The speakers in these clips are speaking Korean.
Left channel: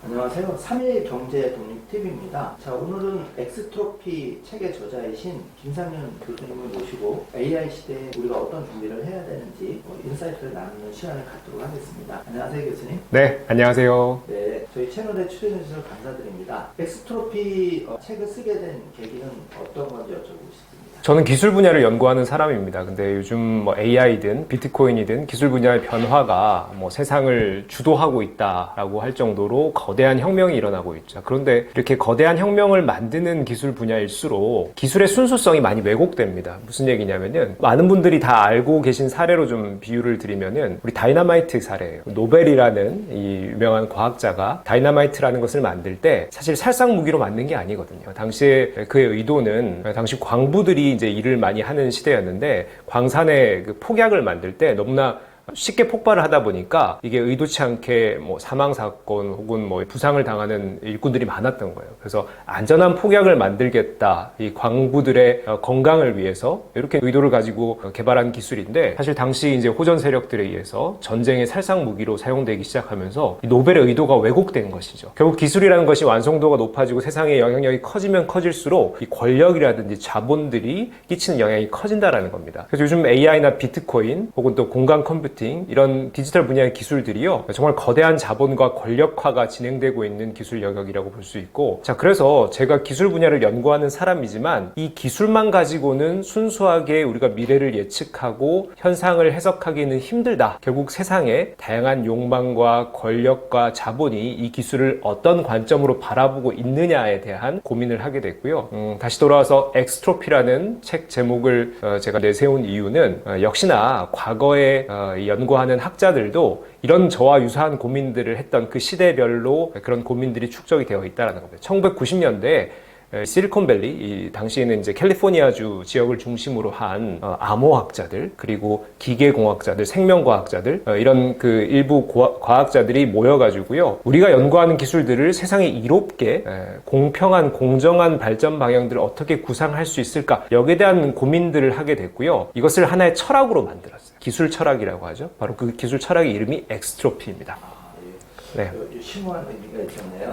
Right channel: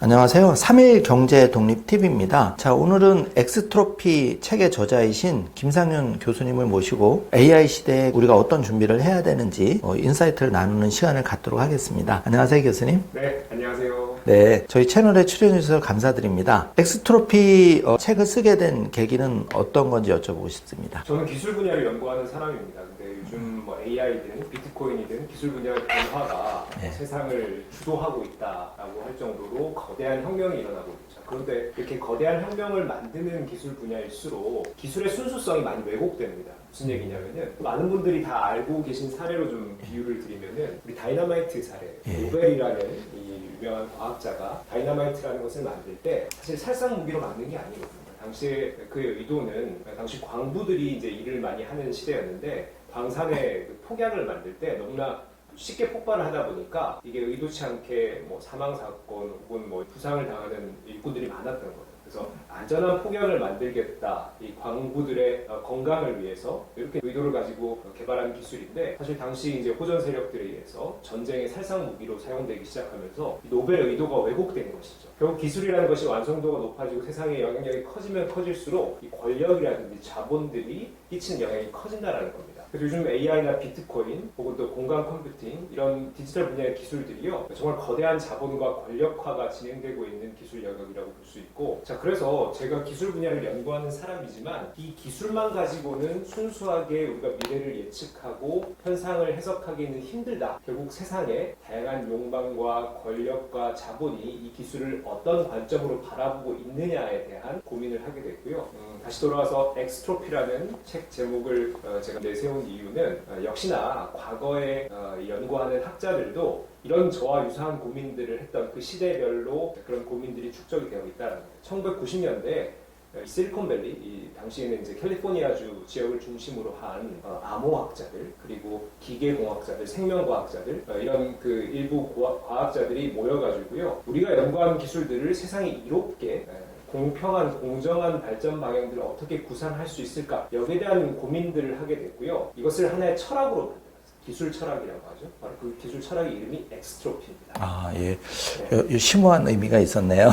안녕하세요. 3일 경제 독립 TV입니다. 자, 오늘은 엑스트로피 책의 저자이신 김상윤 교수님을 모시고 AI 시대에 우리가 어떤 준비를 해야 되는지 인사이트를 나누는 시간을 갖도록 하겠습니다. 안녕하세요, 교수님. 네, 안녕하세요. 네, 저희 채널에 출연해 주셔서 감사드립니다. 엑스트로피 책을 쓰게 된 계기는 어떤 건지 여쭤보고 싶습니다. 저는 기술 분야를 연구하는 사람입니다. 근데 요즘 AI든 비트코인이든 기술 분야의 변화가 세상을 주도하고 있다라고 할 정도로 거대한 혁명이 일어나고 있죠. 그런데 이렇게 거대한 혁명을 만드는 기술 분야일수록 기술의 순수성이 많이 왜곡됩니다. 무슨 얘기냐면은 많은 분들이 다 알고 계신 사례로 좀 비유를 드리면은 우리 다이너마이트 사례예요. 노벨이라는 이 유명한 과학자가 다이너마이트라는 것을 만들 때 사실 살상 무기로 만든 게 아니거든요. 당시에 그의 의도는 당시 광부들이 이제 일을 많이 하는 시대였는데 광산의 그 폭약을 만들 때 너무나 쉽게 폭발을 하다 보니까 이게 의도치 않게 사망 사건 혹은 부상을 당하는 일꾼들이 많았던 거예요. 그래서 안전한 폭약을 만들겠다, 이 광부들의 건강을 위해서 이렇게 의도를 가지고 개발한 기술인데, 사실 당시 이제 호전 세력들에 의해서 전쟁의 살상 무기로 사용되기 시작하면서 이 노벨의 의도가 왜곡된 것이죠. 결국 기술이라는 것이 완성도가 높아지고 세상의 영향력이 커지면 커질수록 이 권력이라든지 자본들이 끼치는 영향이 커진다라는 겁니다. 그래서 요즘 AI나 비트코인 혹은 또 공간 컴퓨팅 이런 디지털 분야의 기술들이요, 정말 거대한 자본과 권력화가 진행되고 있는 기술 영역이라고 볼 수 있고, 자, 그래서 제가 기술 분야를 연구하는 사람이지만 이 기술만 가지고는 순수하게 우리가 미래를 예측하고 현상을 해석하기는 힘들다. 결국 세상에 다양한 욕망과 권력과 자본이 이 기술을 어떤 관점으로 바라보고 있느냐에 대한 고민을 하게 됐고요. 다시 돌아와서 엑스트로피라는 책 제목을 제가 내세운 이유는 역시나 과거에 연구하는 학자들도 이런 저와 유사한 고민들을 했던 그 시대별로 그런 고민들이 축적이 되어 있다는 겁니다. 1990년대에 실리콘밸리, 이 당시에는 이제 캘리포니아주 지역을 중심으로 한 암호학자들, 그리고 기계공학자들, 생명과학자들, 이런 그 일부 과학자들이 모여가지고요, 우리가 연구하는 기술들을 세상에 이롭게 공평한 공정한 발전 방향들을 어떻게 구상할 수 있을까, 여기에 대한 고민들을 하게 됐고요. 이것을 하나의 철학으로 만들었어요. 기술 철학이라고 하죠. 바로 그 기술 철학의 이름이 엑스트로피입니다. 아, 예. 네. 심오한 의미가 있었네요.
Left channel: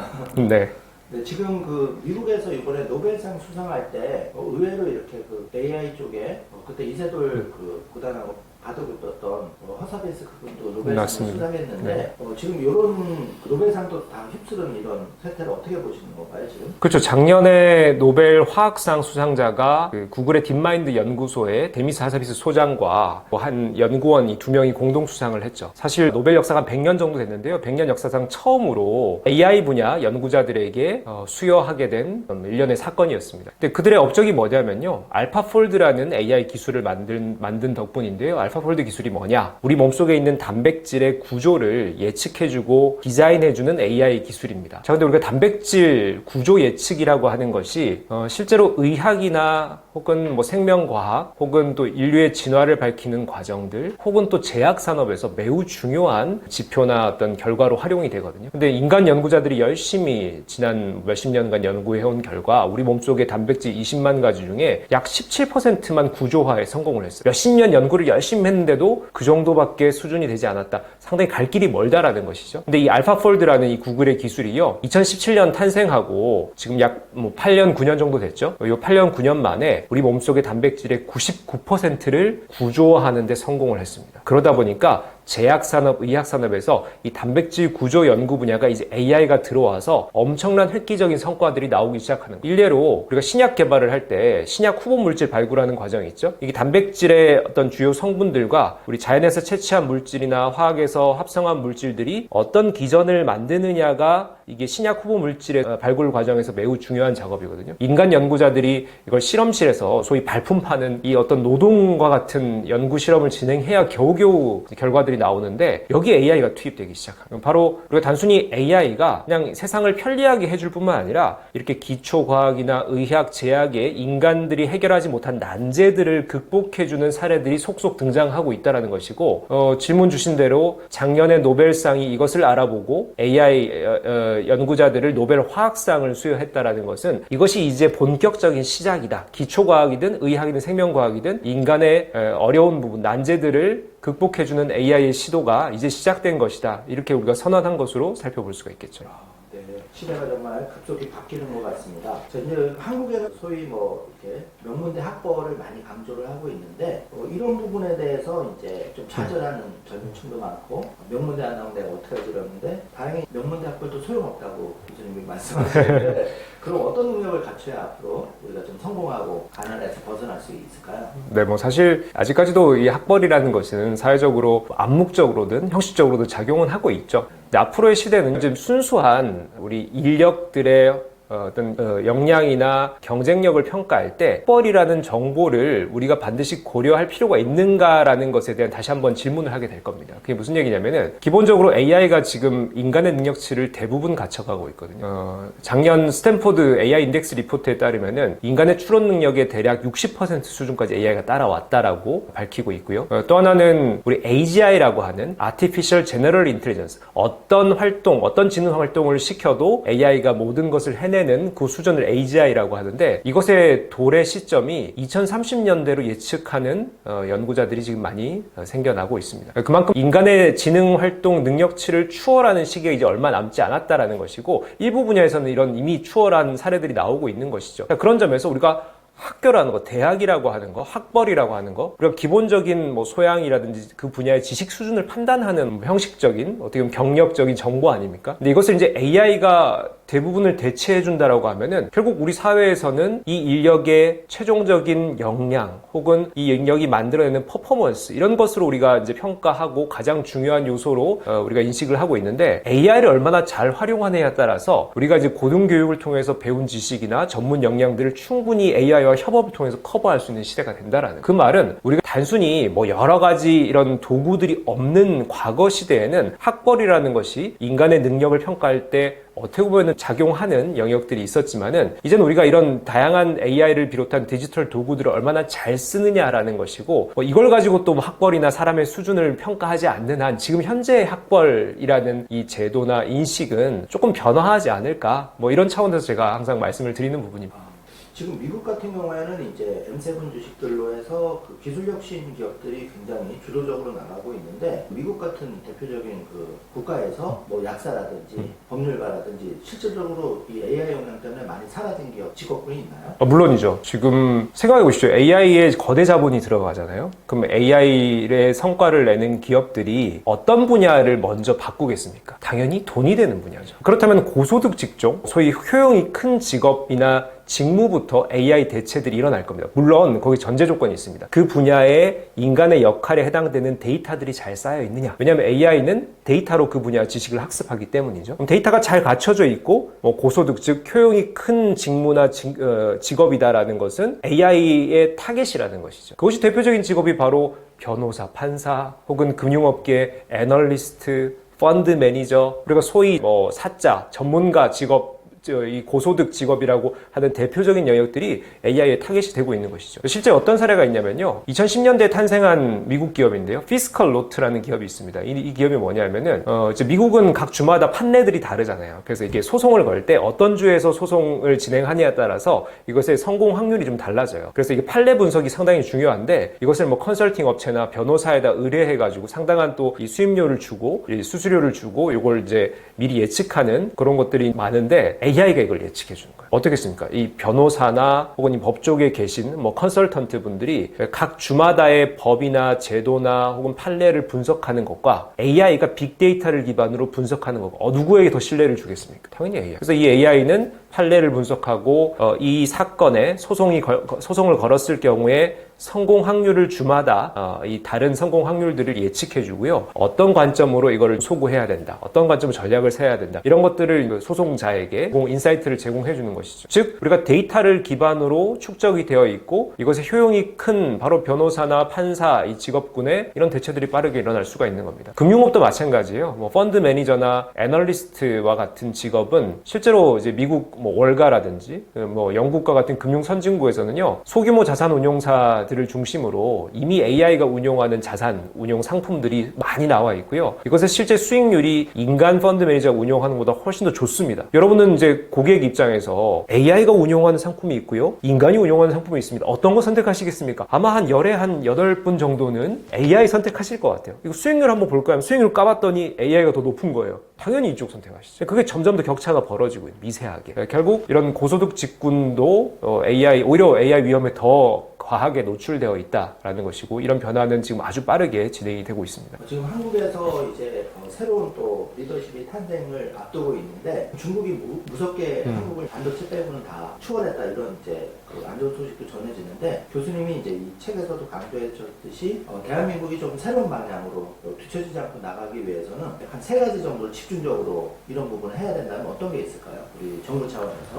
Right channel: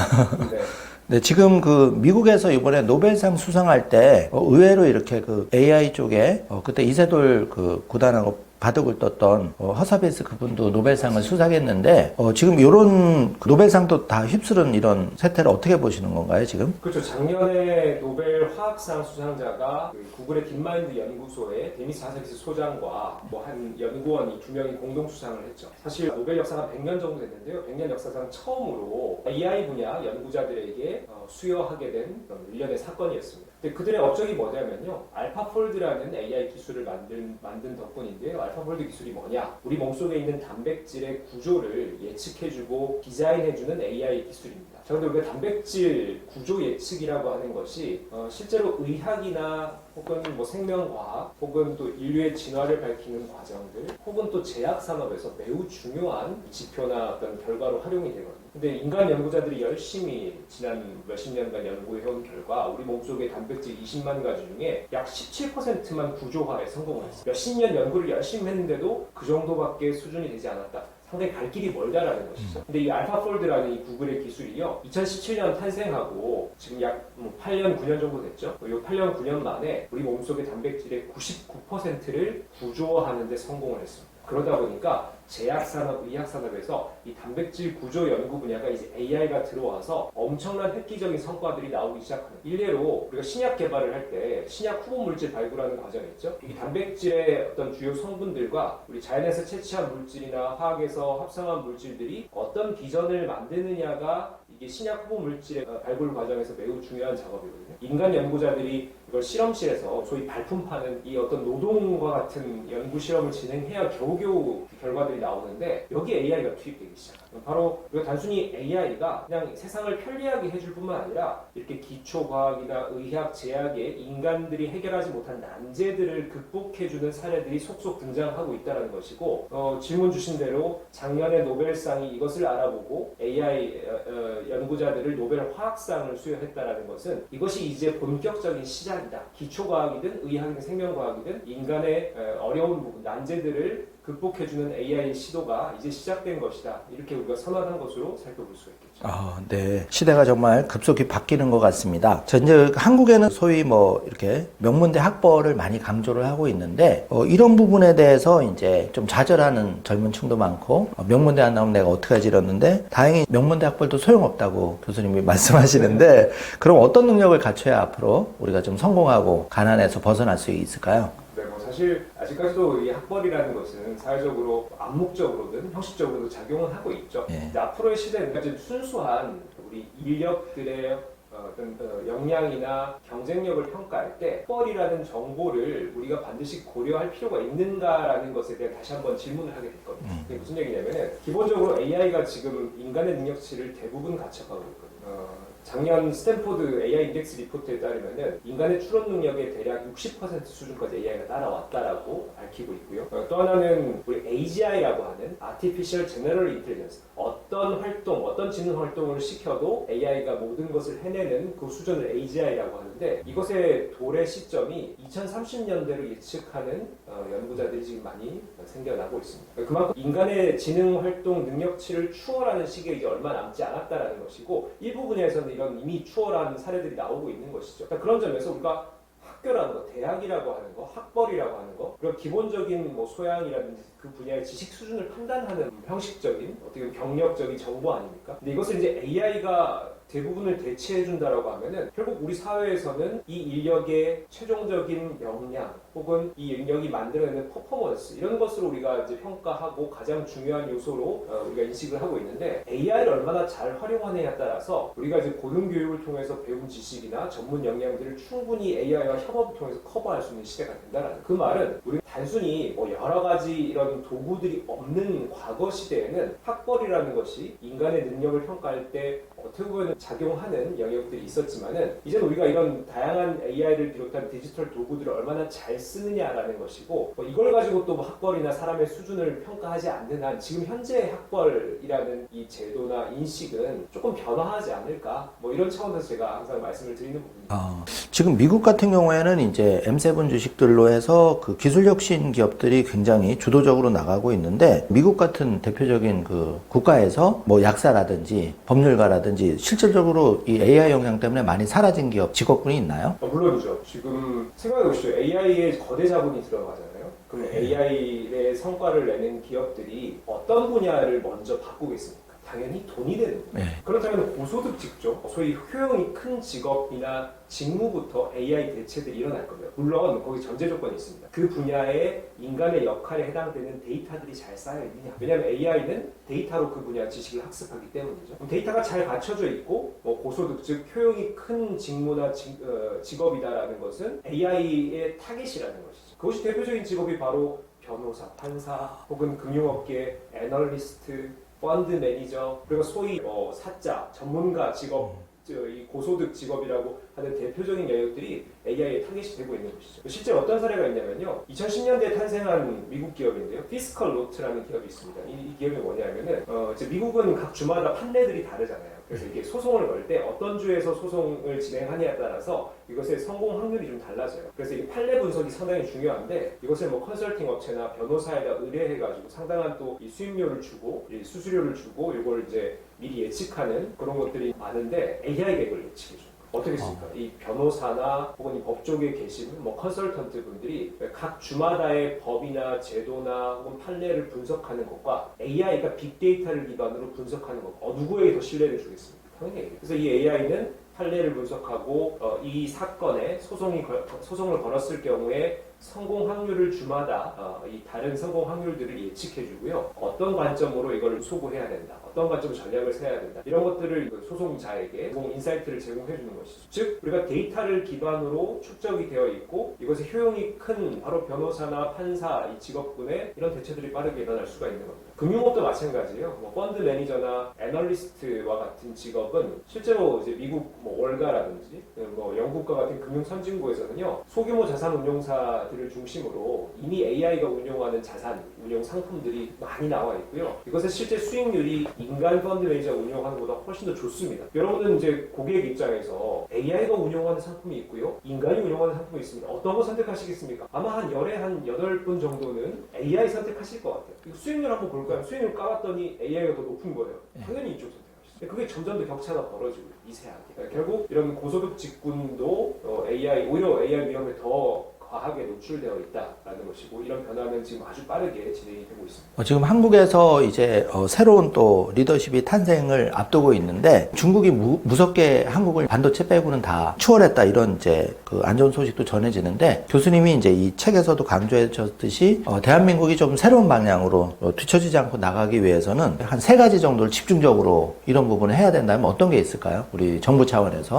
네. 네, 지금 그 미국에서 이번에 노벨상 수상할 때 의외로 이렇게 그 AI 쪽에 그때 이세돌 그 구단하고 바둑을 떴던 허사베이스 그분도 노벨상을 맞습니다. 수상했는데 지금 이런 노벨상도 다 휩쓸은 이런 세태를 어떻게 보시는 건가요, 지금? 그렇죠. 작년에 노벨 화학상 수상자가 그 구글의 딥마인드 연구소의 데미스 하사비스 소장과 한 연구원 이 두 명이 공동 수상을 했죠. 사실 노벨 역사가 100년 정도 됐는데요. 100년 역사상 처음으로 AI 분야 연구자들에게 수여하게 된 일련의 사건이었습니다. 근데 그들의 업적이 뭐냐면요, 알파폴드라는 AI 기술을 만든 덕분인데요. 알파폴드 기술이 뭐냐? 우리 몸속에 있는 단백질의 구조를 예측해주고 디자인해주는 AI 기술입니다. 자, 근데 우리가 단백질 구조 예측이라고 하는 것이 실제로 의학이나 혹은 생명과학 혹은 또 인류의 진화를 밝히는 과정들 혹은 또 제약산업에서 매우 중요한 지표나 어떤 결과로 활용이 되거든요. 근데 인간 연구자들이 열심히 지난 몇십 년간 연구해온 결과 우리 몸속의 단백질 20만 가지 중에 약 17%만 구조화에 성공을 했어요. 몇십 년 연구를 열심히 했는데도 그 정도밖에 수준이 되지 않았다. 상당히 갈 길이 멀다라는 것이죠. 근데 이 알파폴드라는 이 구글의 기술이요, 2017년 탄생하고 지금 약 8년, 9년 정도 됐죠. 이 8년, 9년 만에 우리 몸속의 단백질의 99%를 구조화하는 데 성공을 했습니다. 그러다 보니까 제약산업, 의학산업에서 이 단백질 구조 연구 분야가 이제 AI가 들어와서 엄청난 획기적인 성과들이 나오기 시작하는 거예요. 일례로 우리가 신약 개발을 할 때 신약 후보 물질 발굴하는 과정이 있죠. 이게 단백질의 어떤 주요 성분들과 우리 자연에서 채취한 물질이나 화학에서 합성한 물질들이 어떤 기전을 만드느냐가 이게 신약 후보 물질의 발굴 과정에서 매우 중요한 작업이거든요. 인간 연구자들이 이걸 실험실에서 소위 발품 파는 이 어떤 노동과 같은 연구 실험을 진행해야 겨우겨우 결과들이 나오는데, 여기에 AI가 투입되기 시작합니다. 바로 우리가 단순히 AI가 그냥 세상을 편리하게 해줄 뿐만 아니라 이렇게 기초과학이나 의학, 제약에 인간들이 해결하지 못한 난제들을 극복해주는 사례들이 속속 등장하고 있다는 것이고, 질문 주신 대로 작년에 노벨상이 이것을 알아보고 AI 연구자들을 노벨 화학상을 수여했다는 것은 이것이 이제 본격적인 시작이다. 기초과학이든 의학이든 생명과학이든 인간의 어려운 부분, 난제들을 극복해주는 AI의 시도가 이제 시작된 것이다. 이렇게 우리가 선언한 것으로 살펴볼 수가 있겠죠. 네. 시대가 정말 급속히 바뀌는 것 같습니다. 자, 이제 한국에는 소위 뭐 이렇게 명문대 학벌을 많이 강조를 하고 있는데 이런 부분에 대해서 이제 좀 좌절하는 젊은 층도 많고 명문대 안 나오면 내가 어떡하지 이러는데 다행히 명문대 학벌도 소용없다고 교수님이 말씀하시는데 그럼 어떤 능력을 갖춰야 앞으로 우리가 좀 성공하고 가난에서 벗어날 수 있을까요? 네, 뭐 사실 아직까지도 이 학벌이라는 것은 사회적으로 암묵적으로든 형식적으로든 작용은 하고 있죠. 근데 앞으로의 시대는 좀 순수한 우리 인력들의 어떤 역량이나 경쟁력을 평가할 때 학벌이라는 정보를 우리가 반드시 고려할 필요가 있는가라는 것에 대한 다시 한번 질문을 하게 될 겁니다. 그게 무슨 얘기냐면은 기본적으로 AI가 지금 인간의 능력치를 대부분 갖춰가고 있거든요. 작년 스탠포드 AI 인덱스 리포트에 따르면은 인간의 추론 능력의 대략 60% 수준까지 AI가 따라왔다라고 밝히고 있고요. 또 하나는 우리 AGI라고 하는 Artificial General Intelligence, 어떤 활동, 어떤 지능 활동을 시켜도 AI가 모든 것을 해내는 그 수준을 AGI라고 하는데 이것의 도래 시점이 2030년대로 예측하는 연구자들이 지금 많이 생겨나고 있습니다. 그만큼 인간의 지능 활동 능력치를 추월하는 시기가 이제 얼마 남지 않았다라는 것이고 일부 분야에서는 이런 이미 추월한 사례들이 나오고 있는 것이죠. 그런 점에서 우리가 학교라는 거, 대학이라고 하는 거, 학벌이라고 하는 거, 우리가 기본적인 뭐 소양이라든지 그 분야의 지식 수준을 판단하는 형식적인 어떻게 보면 경력적인 정보 아닙니까? 근데 이것을 이제 AI가 대부분을 대체해준다라고 하면은 결국 우리 사회에서는 이 인력의 최종적인 역량 혹은 이 인력이 만들어내는 퍼포먼스 이런 것으로 우리가 이제 평가하고 가장 중요한 요소로 우리가 인식을 하고 있는데 AI를 얼마나 잘 활용하느냐에 따라서 우리가 이제 고등교육을 통해서 배운 지식이나 전문 역량들을 충분히 AI와 협업을 통해서 커버할 수 있는 시대가 된다라는 그 말은 우리가 단순히 뭐 여러 가지 이런 도구들이 없는 과거 시대에는 학벌이라는 것이 인간의 능력을 평가할 때 어떻게 보면 작용하는 영역들이 있었지만은 이제는 우리가 이런 다양한 AI를 비롯한 디지털 도구들을 얼마나 잘 쓰느냐라는 것이고 이걸 가지고 또 학벌이나 사람의 수준을 평가하지 않는 한 지금 현재의 학벌이라는 이 제도나 인식은 조금 변화하지 않을까 뭐 이런 차원에서 제가 항상 말씀을 드리는 부분입니다. 지금 미국 같은 경우에는 이제 M7 주식들로 해서 그 기술혁신 기업들이 굉장히 주도적으로 나가고 있는데 미국 같은 대표적인 그 국가에서 뭐 약사라든지 법률가라든지 실질적으로 이 AI 영향 때문에 많이 사라진 기업 직업군이 있나요? 물론이죠. 지금 생각해 보시죠. AI에 거대 자본이 들어가잖아요. 그럼 AI의 성과를 내는 기업들이 어떤 분야를 먼저 바꾸겠습니까? 당연히 돈이 되는 분야죠. 그렇다면 고소득 직종, 소위 효용이 큰 직업이나 직무부터 AI 대체들이 일어날 겁니다. 물론 거기 전제 조건이 있습니다. 그 분야의 인간의 역할에 해당되는 데이터들이 잘 쌓여 있느냐. 왜냐하면 AI는 데이터로 그 분야 지식을 학습하기 때문이죠. 그럼 데이터가 잘 갖춰져 있고 고소득 즉 효용이 큰 직무나 직업이다라는 것은 AI의 타겟이라는 것이죠. 그것이 대표적인 직업이 바로 변호사, 판사 혹은 금융업계 애널리스트, 펀드 매니저, 그리고 소위 사자, 전문가 직업 이 고소득 직업이라고 하는 대표적인 영역들이 AI의 타겟이 되고 있는 것이죠. 실제 어떤 사례가 있냐면요. 2010년대에 탄생한 미국 기업인데요. 피스컬 노트라는 기업이 있습니다. 이 기업이 뭐냐면은 이제 미국은 각 주마다 판례들이 다르잖아요. 그래서 이게 소송을 걸 때 어떤 주에서 소송을 진행하느냐에 따라서 이것의 성공 확률이 좀 달라져요. 그래서 이게 판례 분석이 상당히 중요한데 이것을 뭐 컨설팅 업체나 변호사에다 의뢰해가지고 상당한 또 이 수임료를 주고 이 수수료를 주고 이걸 이제 미리 예측하는 그런 것들이 많은데 AI가 이걸 예측해 주는 거예요. 어떻겠습니까? 이 변호사나 혹은 이 법조계에 계신 뭐 컨설턴트 분들이 각 주마다의 법이나 제도나 혹은 판례를 분석하는 것과 AI가 빅데이터를 기반으로 분석하는 것과 누구에게 더 신뢰를 주겠습니까? 당연히 AI. 그래서 이 AI는 판례를 분석하고 이 사건에 소송을 걸었을 경우에 성공 확률을 주마다 이 다른 성공 확률들을 예측해 주고요. 어떤 관점으로 이걸 소구해야 된다. 어떤 관점으로 전략을 세워야 된다. 이런 것들을 소송자에게 인사이트를 제공해 주는 것이죠. 즉 우리가 데이터를 기반으로 축적이 되어 있고 이것의 효용이 큰 바로 변호사나 판사 이 직업군에 이런 대체들이 빠르게 일어날 수가 있는 겁니다. 금융업도 마찬가지예요. 뭐 펀드 매니저나 애널리스트와 같은 직업은 실제로 이제 미국 뭐 월가라든지 뭐 영국과 같은 금융 선진국에서는요. 소규모 자산 운용사 분야들을 중심으로 이미 AI가 운용하는 자산, 운용 상품들이 많이 나와 있고요. 이것의 실제 수익률이 인간 펀드 매니저가 운용하는 것보다 훨씬 더 좋습니다. 여러분은 이제 고객 입장에서 AI가 운용하는 상품이 있고요. 인간이 운용하는 상품이 있습니다. 어떤 거 선택하시겠습니까? 아마 한 열에 한 8분 정도는 AI 선택하실 것 같아요. 그리고 수익률 한번 볼까요? 하면 수익률 까봤더니 AI가 더 높은 거예요. 당연히 이쪽 선택하시죠. 그게 점점 더 격차가 벌어지고 있어요. 미세하게. 결국 이런 고소득 직군도 오히려 AI 위험에 더 과하게 노출되어 있다라는 것이고, 이런 변화는 지금 아주 빠르게 진행이 되고 있습니다. 지금 한국에서 이제 새로운 또 리더십이 탄생을 앞두고 있는데, 중국이 무섭게 한국을 반도체 빼고는 다 추월했다, 이런 이제 그 안 좋은 소식도 전해지는데, 교수님이 이제 이 책에서도 강조해 주셨듯이 대한민국이 좀 새로운 방향으로 뒤처지지 않고 나가기 위해서는 한 3가지 정도를 집중적으로 이런 부분을 해야 된다면 어떤 게 있을까요? 우리 정부 차원에서.